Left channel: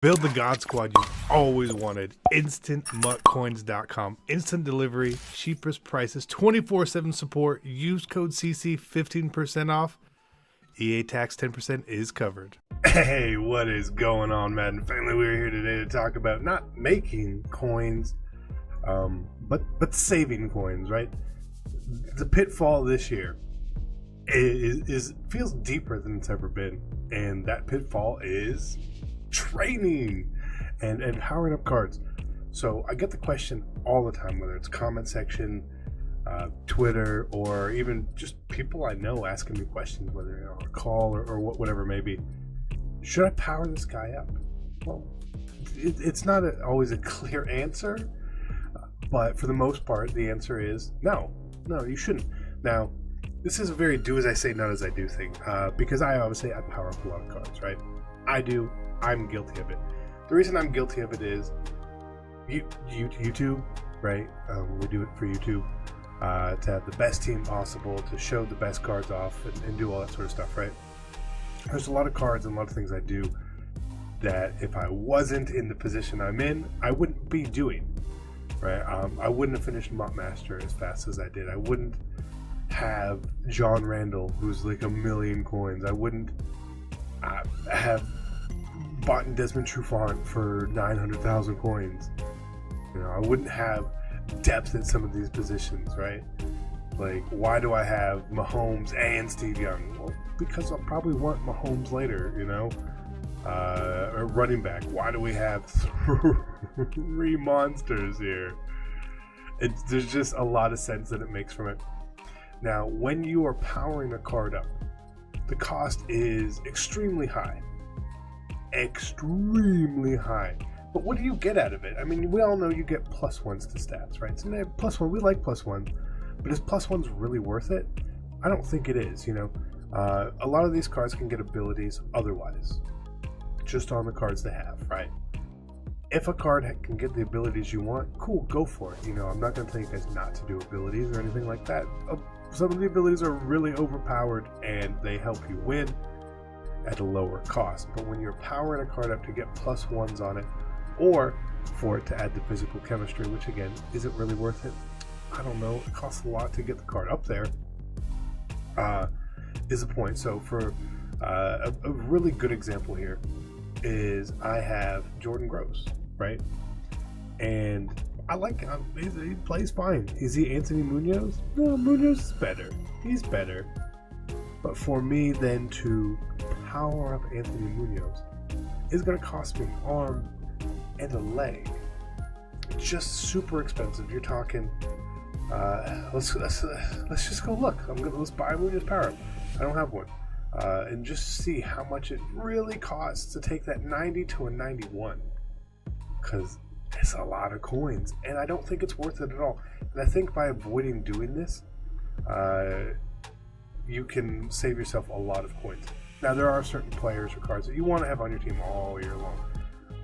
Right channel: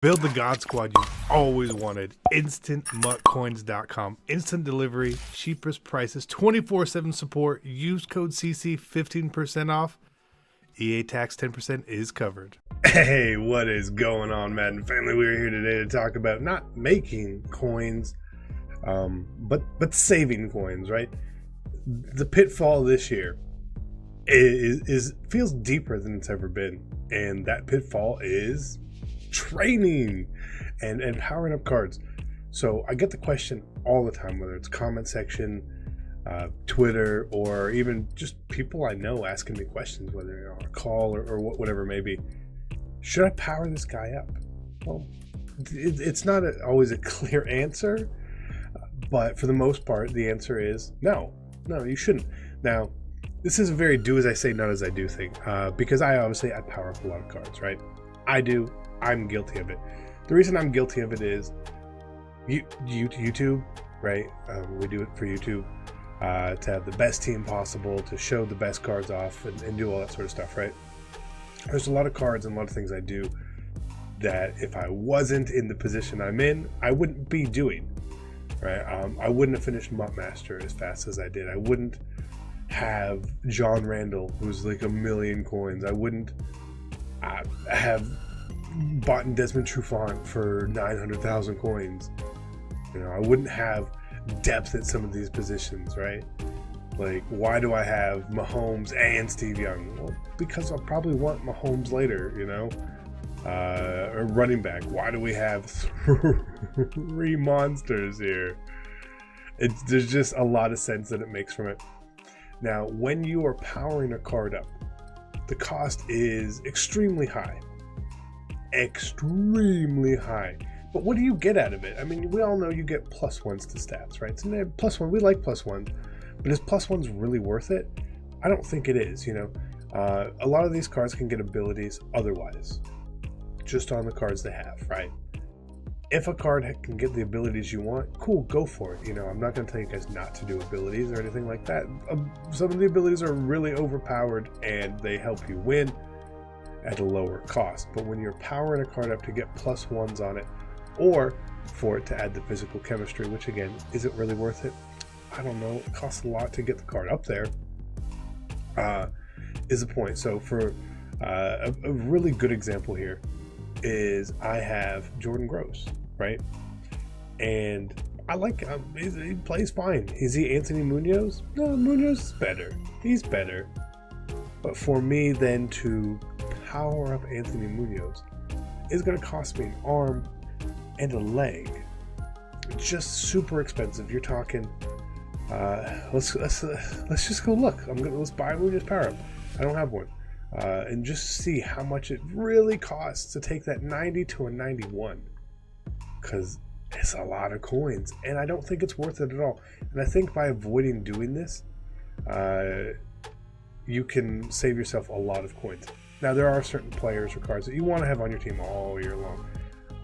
Build the God Squad you've always wanted. InstantMuttCoins.com. Instant delivery, cheapest prices, 24/7 support. Use code CC, 15% off. EA tax 10% is covered. Hey, what is going on, Madden family? We're here today to talk about not making coins, but saving coins, right? The pitfall this year is feels deeper than it's ever been, and that pitfall is training and powering up cards. So I get the question all the time, whether it's comment section, Twitter, or even just people I know asking me questions, whether on a call or whatever it may be. Should I power this guy up? Well, it's not always a clear answer, but for the most part, the answer is no, you shouldn't. Now, this is a very do as I say, not as I do thing, because I power up a lot of cards, right? I'm guilty of it. The reason I'm guilty of it is YouTube, right? We do it for YouTube to have the best team possible, to show the best cards off, and do all that sort of stuff, right? There's a lot of cards and a lot of things I do that if I wasn't in the position I'm in, I wouldn't be doing, right? I wouldn't have finished Mutt Master as fast as I did. I wouldn't have John Randall, who's like 1 million coins. I wouldn't have bought Desmond Trufant for 900,000 coins. You know, I wouldn't have depth at some of these positions, right? Like, why do I have Mahomes and Steve Young? Well, because I'll probably want Mahomes later, you know? Or running back. Why do we have 3 monsters here? There's just a lot of sense that it makes from it. Now, when you are powering a card up, the cost is extremely high. Extremely high. But what do you get out of it? I mean, we all know you get +1s to stats, right? So +1, we like +1s, but is +1s really worth it? I don't think it is, you know. A lot of these cards can get abilities otherwise, just on the cards they have, right? If a card can get the abilities you want, cool, go for it. You know, I'm not going to tell you guys not to do abilities or anything like that. Some of the abilities are really overpowered and they help you win at a lower cost. But when you're powering a card up to get +1s on it, or for it to add the physical chemistry, which again, is it really worth it? I don't know. It costs a lot to get the card up there, is the point. So for a really good example here is I have Jordan Gross, right? And I like him. He plays fine. Is he Anthony Munoz? No, Munoz is better. He's better. But for me then to power up Anthony Munoz is going to cost me an arm and a leg. It's just super expensive. You're talking. Let's just go look. Let's buy a Munoz power up. I don't have one, and just see how much it really costs to take that 90 to a 91. Because it's a lot of coins, and I don't think it's worth it at all. And I think by avoiding doing this, you can save yourself a lot of coins. Now, there are certain players or cards that you want to have on your team all year long.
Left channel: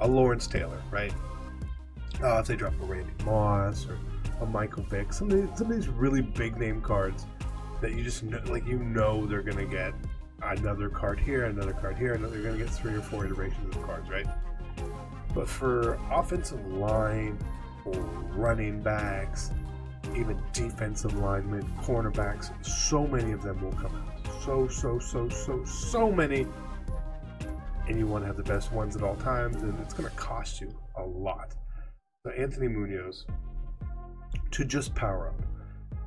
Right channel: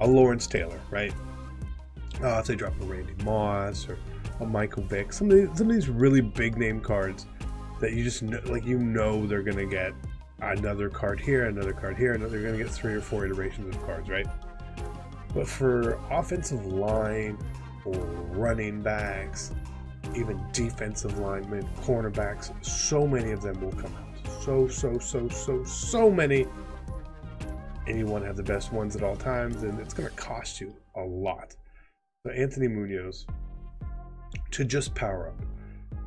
A Lawrence Taylor, right? If they drop a Randy Moss or a Michael Vick, some of these really big name cards that you just know, like, you know they're going to get another card here, another card here, and they're going to get 3 or 4 iterations of cards, right? But for offensive line or running backs, even defensive linemen, cornerbacks, so many of them will come out. So many. And you want to have the best ones at all times, and it's going to cost you a lot. So Anthony Munoz, to just power up,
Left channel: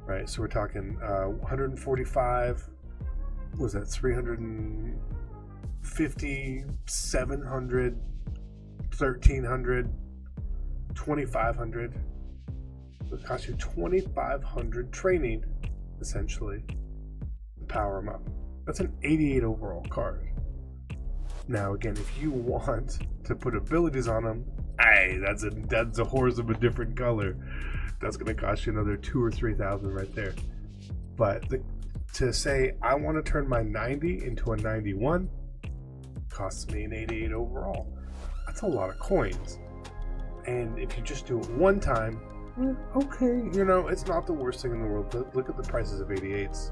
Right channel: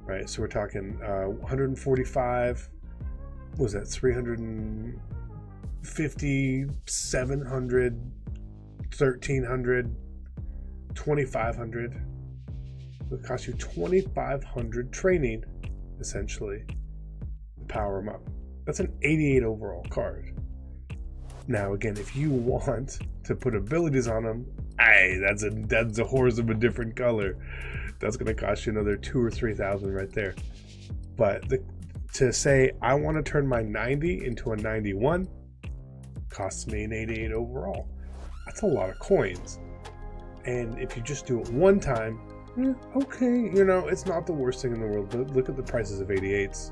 right? So we're talking 145, what was that, 350, 700, 1300, 2500. It costs you 2,500 training, essentially, to power them up. That's an 88 overall card. Now, again, if you want to put abilities on them, that's a horse of a different color. That's going to cost you another 2,000 or 3,000 right there. But to say I want to turn my 90 into a 91 costs me an 88 overall. That's a lot of coins. And if you just do it one time, okay, you know, it's not the worst thing in the world. But look at the prices of 88s.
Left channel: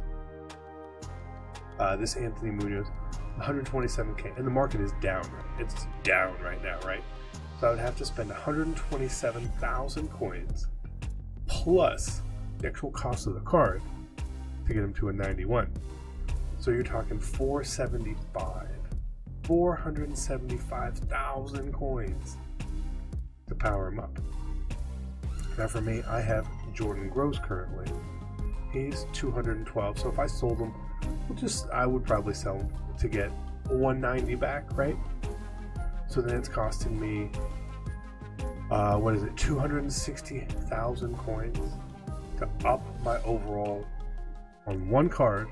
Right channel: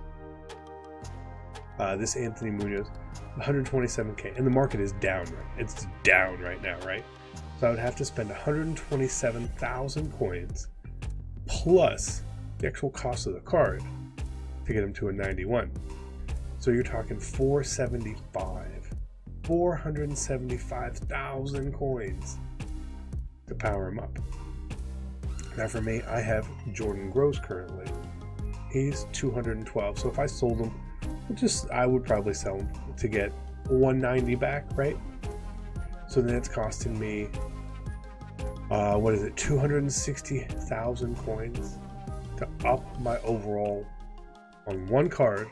This Anthony Munoz, 127K, and the market is down. Right? It's down right now, right? So I would have to spend 127,000 coins plus the actual cost of the card to get him to a 91. So you're talking 475,000 coins to power him up. Now for me, I have Jordan Gross currently. He's 212. So if I sold him, I would probably sell him to get 190 back, right? So then it's costing me, 260,000 coins to up my overall on one card,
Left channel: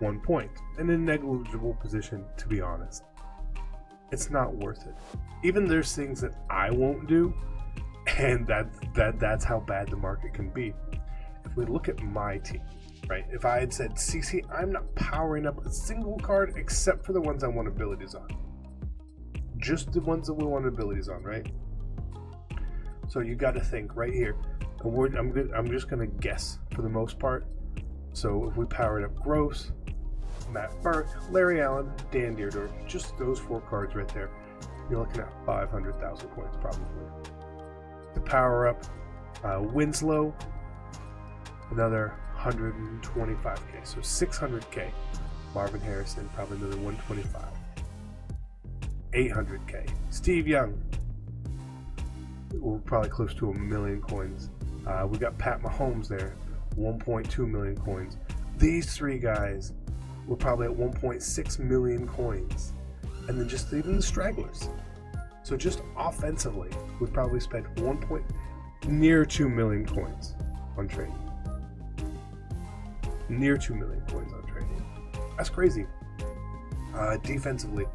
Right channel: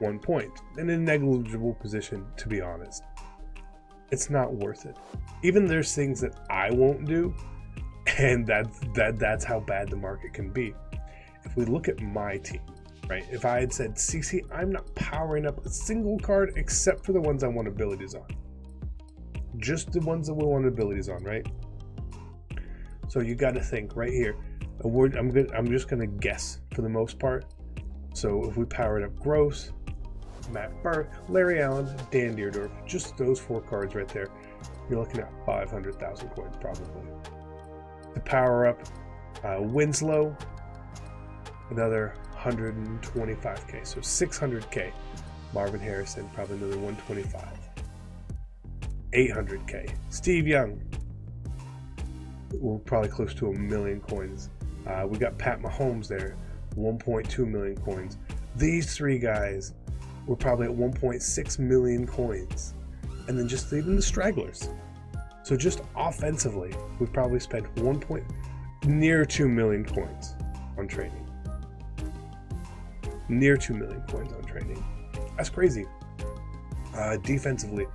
1 point, in a negligible position, to be honest. It's not worth it. Even there's things that I won't do, and that's how bad the market can be. If we look at my team, right? If I had said, CC, I'm not powering up a single card except for the ones I want abilities on. Just the ones that we want abilities on, right? So you got to think right here. I'm just gonna guess for the most part. So if we powered up Gross, Matt Burke, Larry Allen, Dan Deerdorf, just those 4 cards right there, you're looking at 500,000 coins probably. To power up Winslow, another 125K, so 600K. Marvin Harrison, probably another 125. 800K. Steve Young, we're probably close to 1 million coins. We got Pat Mahomes there, 1.2 million coins. These 3 guys were probably at 1.6 million coins. And then just even the stragglers. So just offensively, we probably spent near 2 million coins on training. Near 2 million coins on training. That's crazy. Defensively,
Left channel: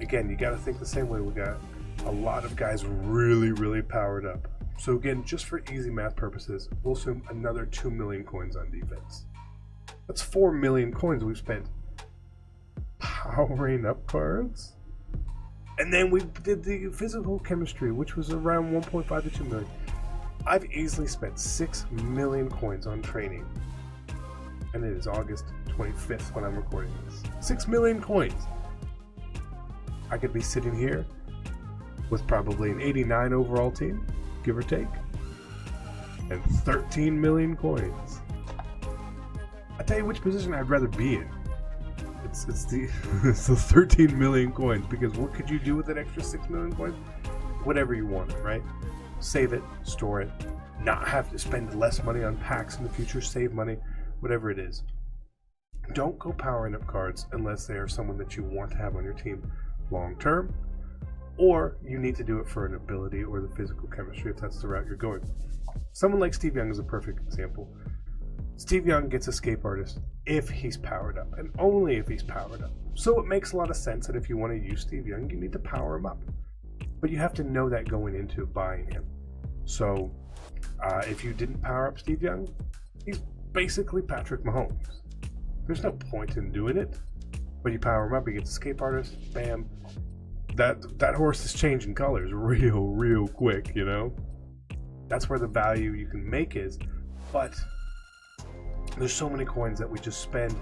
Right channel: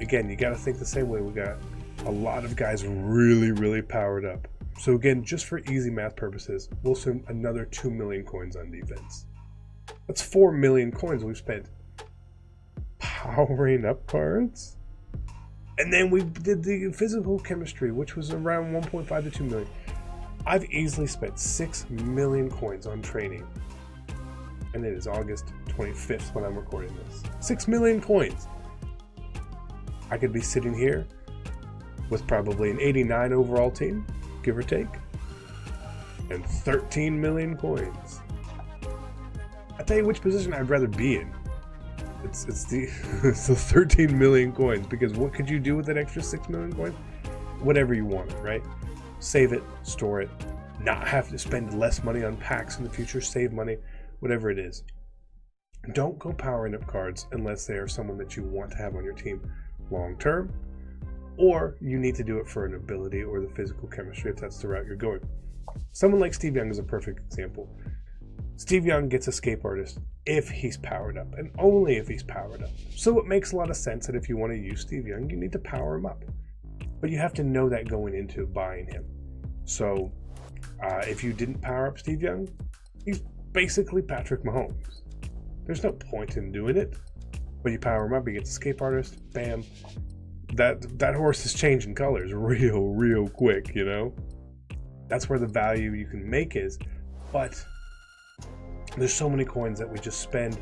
again, you got to think the same way. We got a lot of guys really, really powered up. So again, just for easy math purposes, we'll assume another 2 million coins on defense. That's 4 million coins we've spent powering up cards. And then we did the physical chemistry, which was around 1.5 to 2 million. I've easily spent 6 million coins on training. And it is August 25th when I'm recording this. 6 million coins. I could be sitting here with probably an 89 overall team, give or take, and 13 million coins. I tell you which position I'd rather be in. It's the 13 million coins, because what could you do with that extra 6 million coins? Whatever you wanted, right? Save it, store it, not have to spend less money on packs in the future, save money, whatever it is. Don't go powering up cards unless they are someone that you want to have on your team long term, or you need to do it for an ability or the physical chemistry if that's the route you're going. Someone like Steve Young is a perfect example. Steve Young gets Escape Artist if he's powered up, and only if he's powered up. So it makes a lot of sense that if you want to use Steve Young, you need to power him up. But you have to know that going into buying him. So if you didn't power up Steve Young, he's basically Patrick Mahomes. There's no point in doing it. But you power him up, he gets Escape Artist, bam. That horse is changing colors real quick, you know? That's where the value you can make is. But there's so many coins that we just spend,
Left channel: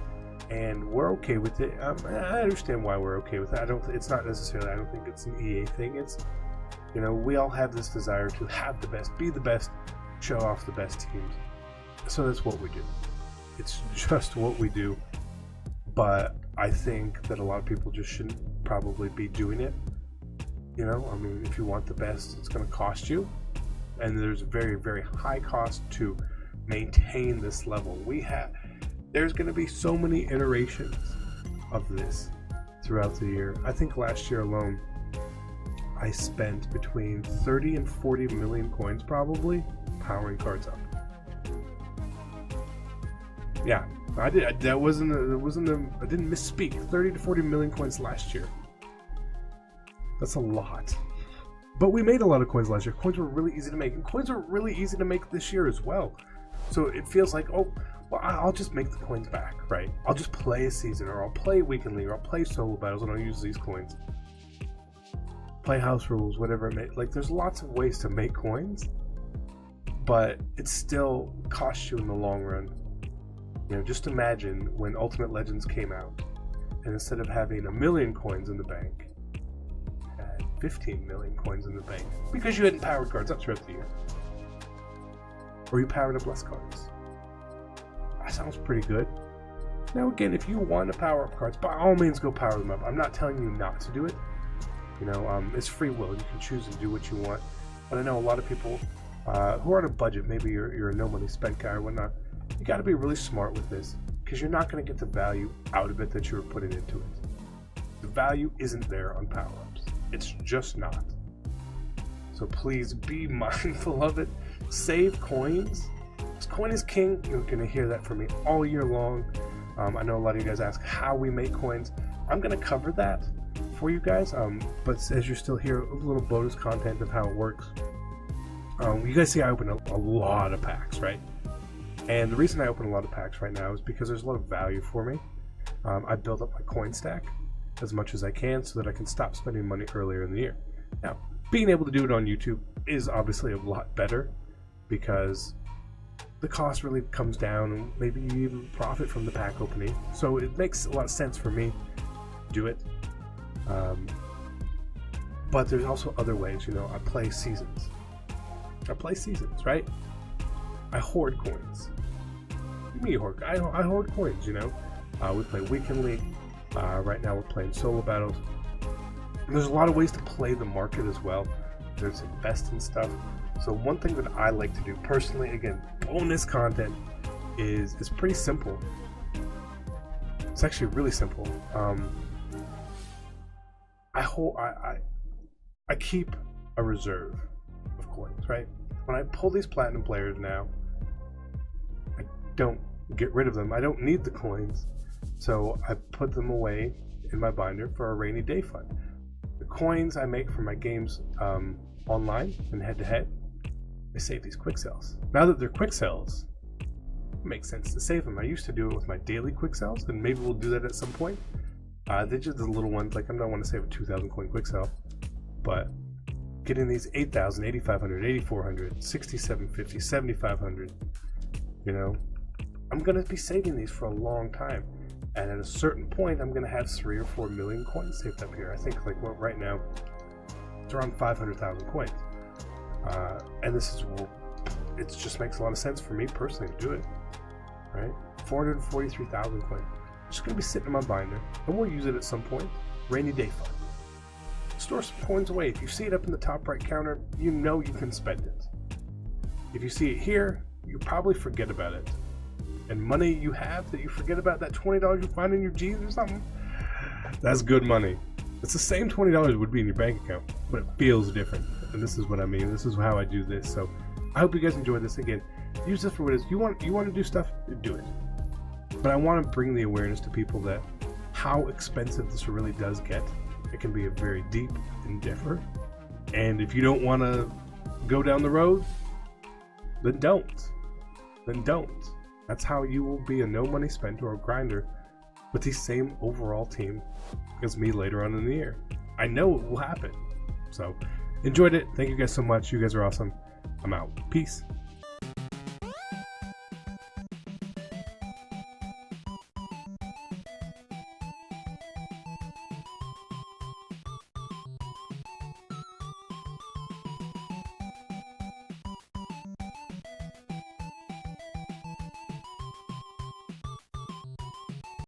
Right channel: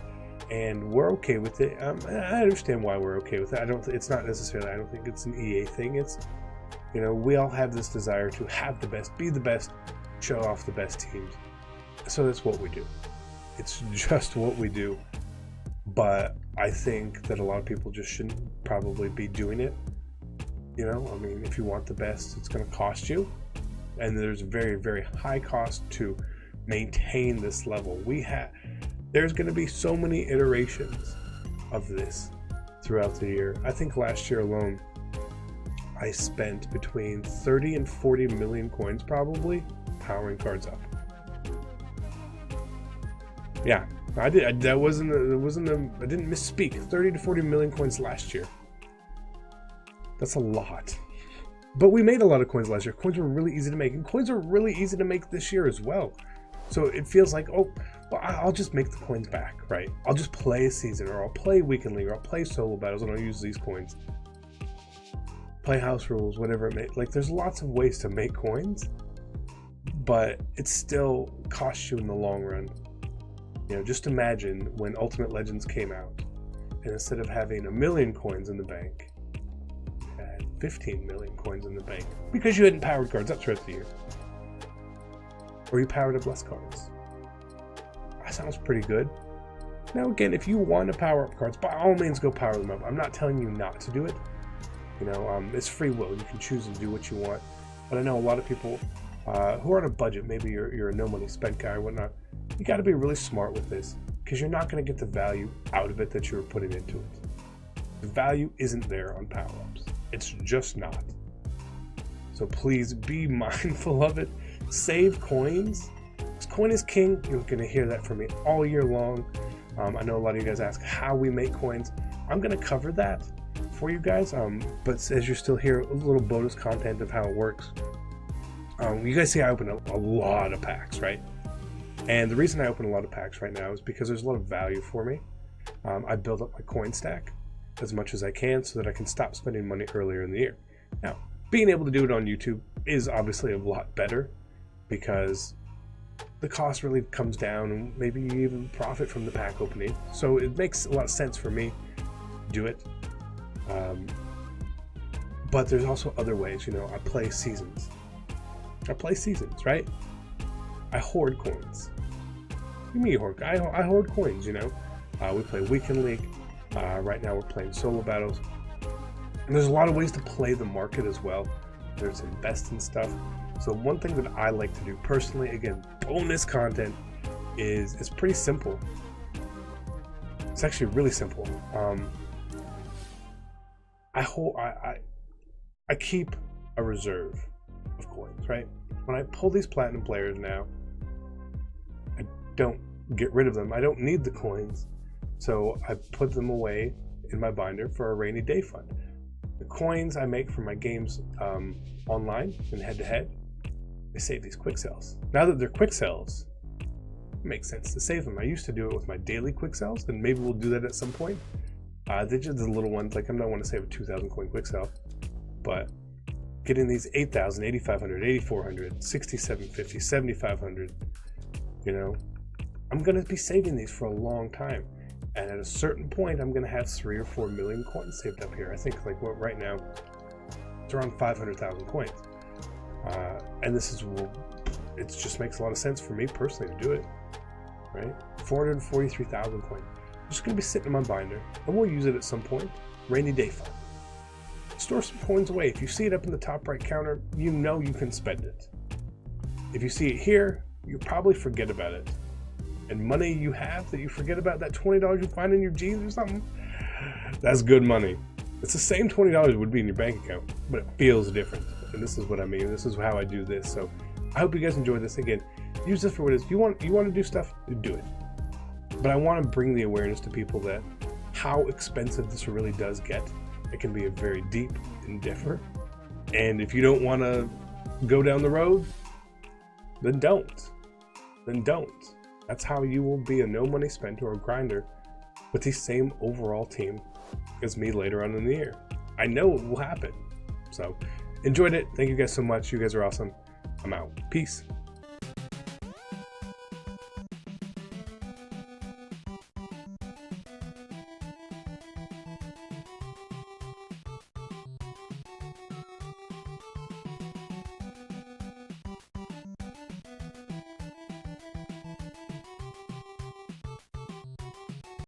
and we're okay with it. I understand why we're okay with it. It's not necessarily, I don't think it's an EA thing. It's, you know, we all have this desire to have the best, be the best, show off the best teams. So that's what we do. It's just what we do. But I think that a lot of people just shouldn't probably be doing it. You know, I mean, if you want the best, it's going to cost you. And there's a very, very high cost to maintain this level. There's going to be so many iterations of this throughout the year. I think last year alone, I spent between 30 and 40 million coins probably powering cards up. Yeah, I did. I didn't misspeak. 30 to 40 million coins last year. That's a lot. But we made a lot of coins last year. Coins were really easy to make, and coins are really easy to make this year as well. So it feels like, oh, well, I'll just make the coins back, right? I'll just play a season, or I'll play Weekend League, or I'll play solo battles, and I'll use these coins. Play house rules, whatever it may. Like, there's lots of ways to make coins, but it still costs you in the long run. You know, just imagine when Ultimate Legends came out, and instead of having 1 million coins in the bank, you had 15 million coins in the bank because you hadn't powered cards up throughout the year. Or you powered up less cards. That sounds pretty good. Now again, if you want to power up cards, by all means go power them up. I'm not telling you not to do it. You know, it's free will. You can choose to do what you want. But I know a lot of people who are on a budget, maybe you're a no money spent guy or whatnot, you got to be really smart with this because you're not going to get the value out of it that you were putting into it. The value isn't there on power ups. It's just not. So please be mindful of it. Save coins. Coin is king. You're going to hear that from me all year long. I know a lot of you guys ask how we make coins. I'm going to cover that for you guys. But as you're still here, a little bonus content of how it works. You guys see I open a lot of packs, right? And the reason I open a lot of packs right now is because there's a lot of value for me. I build up my coin stack as much as I can so that I can stop spending money earlier in the year. Now, being able to do it on YouTube is obviously a lot better because the cost really comes down and maybe you even profit from the pack opening. So it makes a lot of sense for me to do it. But there's also other ways, you know, I play seasons, right? I hoard coins. What do you mean hoard? I hoard coins, you know. We play Weekend League. Right now we're playing solo battles. And there's a lot of ways to play the market as well. There's invest in stuff. So one thing that I like to do personally, again, bonus content, is pretty simple. It's actually really simple. I keep a reserve of coins, right? When I pull these platinum players now, I don't get rid of them. I don't need the coins, so I put them away in my binder for a rainy day fund. The coins I make from my games online and head-to-head, I save these quick sells. Now that they're quick sells, it makes sense to save them. I used to do it with my daily quick sells, and maybe we'll do that at some point. They're just the little ones, like I'm not want to save a 2,000 coin quick sell, but getting these 8,000, 8,500, 8,400, 6,750, 7,500, you know, I'm going to be saving these for a long time. And at a certain point, I'm going to have 3 or 4 million coins saved up here. I think like what right now, it's around 500,000 coins. And this is, it just makes a lot of sense for me personally to do it, right? 443,000 coins. Just going to be sitting in my binder, and we'll use it at some point. Rainy day fund. Store some coins away. If you see it up in the top right counter, you know you can spend it. If you see it here, you probably forget about it. And money you have that you forget about, that $20 you find in your jeans or something, that's good money. It's the same $20 would be in your bank account, but it feels different. And this is what I mean. This is how I do this. So I hope you guys enjoyed this. Again, use this for what it is. You want to do stuff, do it. But I want to bring the awareness to people that how expensive this really does get. It can be a very deep endeavor. And if you don't want to go down the road, then don't. That's how you will be a no money spent or a grinder with the same overall team as me later on in the year. I know it will happen. So enjoyed it. Thank you guys so much. You guys are awesome. I'm out. Peace.